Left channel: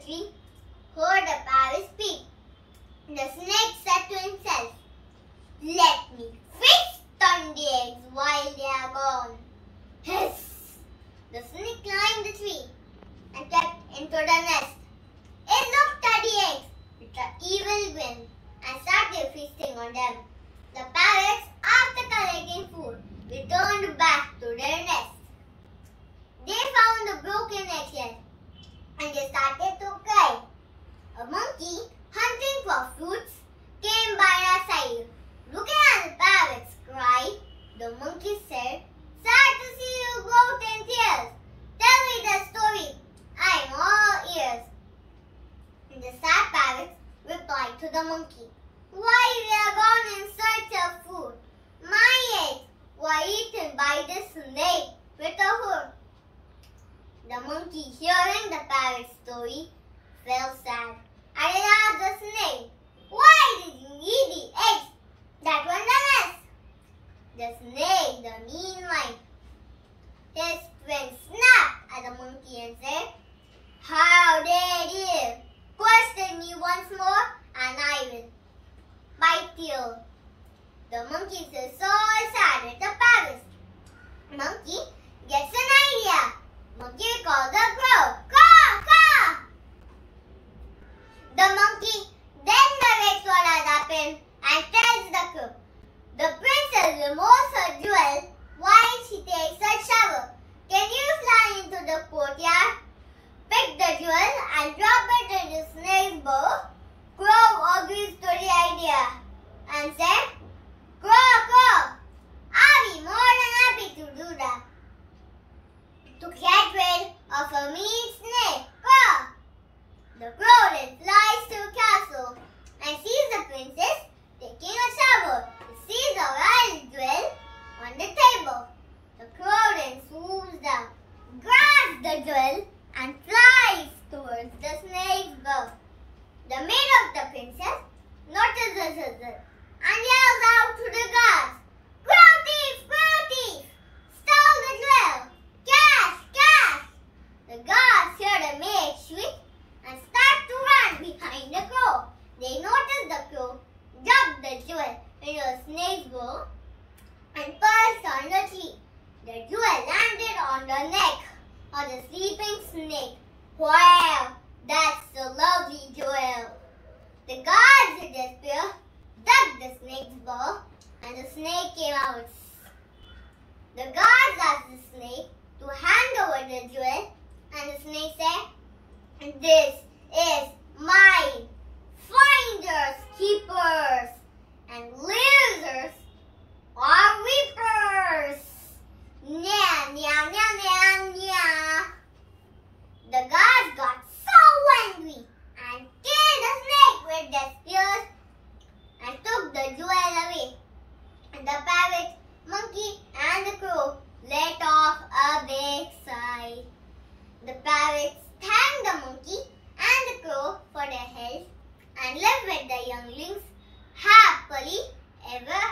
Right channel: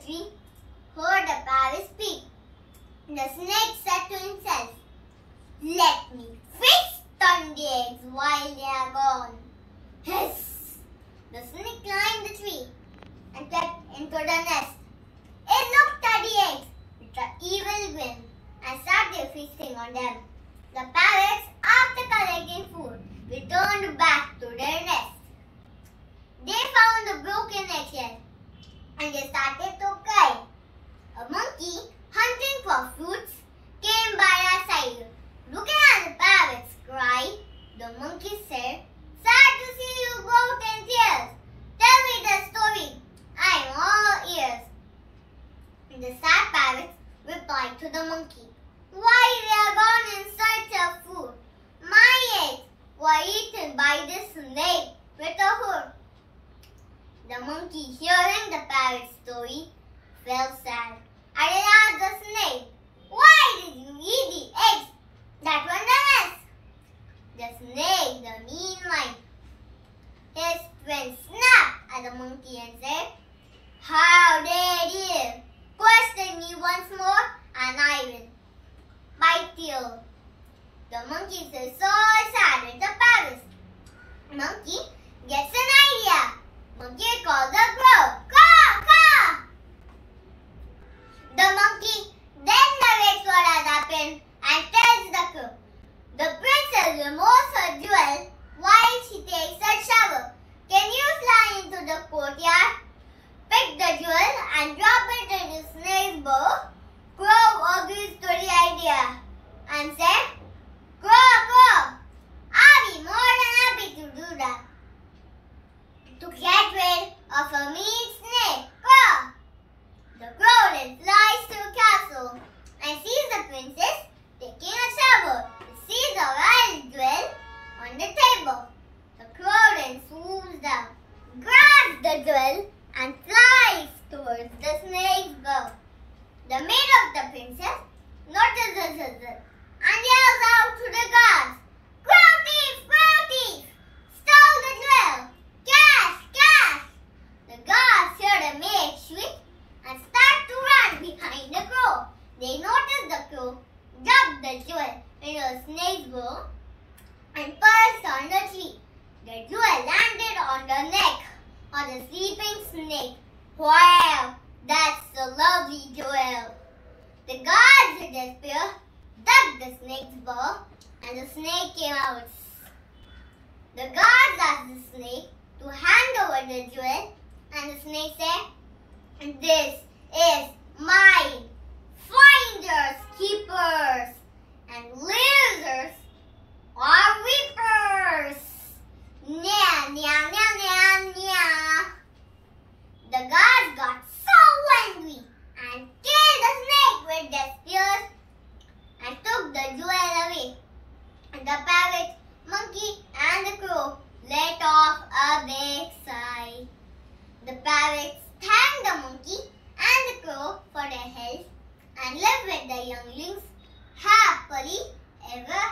the tree heard the parrot speak. The snake said to himself, "Let me feast on the eggs while they are gone." Hiss! The snake climbed the tree and crept into the nest. It looked at the eggs with an evil grin and started feasting on them. The parrots, after collecting food, returned back to their nest. They found a broken eggshell and they started to cry. A monkey, hunting for fruits, came by their side. Looking at the parrots cry, the monkey said, "Sad to see you both in tears. Tell me the story. I am all ears." The sad parrots replied to the monkey, "Why, we are gone in search of food. My eggs were eaten by the snake with a hook." The monkey, hearing the parrot's story, felt sad and it asked the snake, "Why did you eat the eggs that were in the nest?" The snake, the mean mind, his twin snapped at the monkey and said, "How dare you question me once more and I will bite you." The monkey is so sad at the parrot. Monkey gets an idea. Monkey calls the crow. "Caw, caw!" The monkey then narrates what has happened and tells the crow, "The princess removes her jewel while she takes a shower. Can you fly into the courtyard, pick the jewel and drop it in the snake's bowl?" Crow agrees to the idea and said, "Crow, crow, I'll be more than happy to do that. To get rid of a mean snake, crow." The crow then flies to a castle and sees the princess taking a shower. It sees a royal jewel on the table. The crow then swoops down, grabs the jewel and flies towards the snake's bowl. The maid of the princess notices it and yells out to the guards, "Crow thief! Crow thief! Stole the jewel! Cash! Cash!" The guards hear the maid shriek and start to run behind the crow. They notice the crow drop the jewel into the snake's bowl and perched on the tree. The jewel landed on the neck of the sleeping snake. "Wow, that's a lovely jewel." The guards in despair dug the snake's bowl and the snake came out. The guards asked the snake to hand over the jewel and the snake said, "This is mine. Finders, keepers, and losers are reapers. Nya, nya, nya, nya, nya." The guards got so angry and killed the snake with their spears and took the jewel away. The parrot, monkey, and the crow let off a big sigh. The parrots thanked the monkey and the crow for their help and lived with the younglings happily ever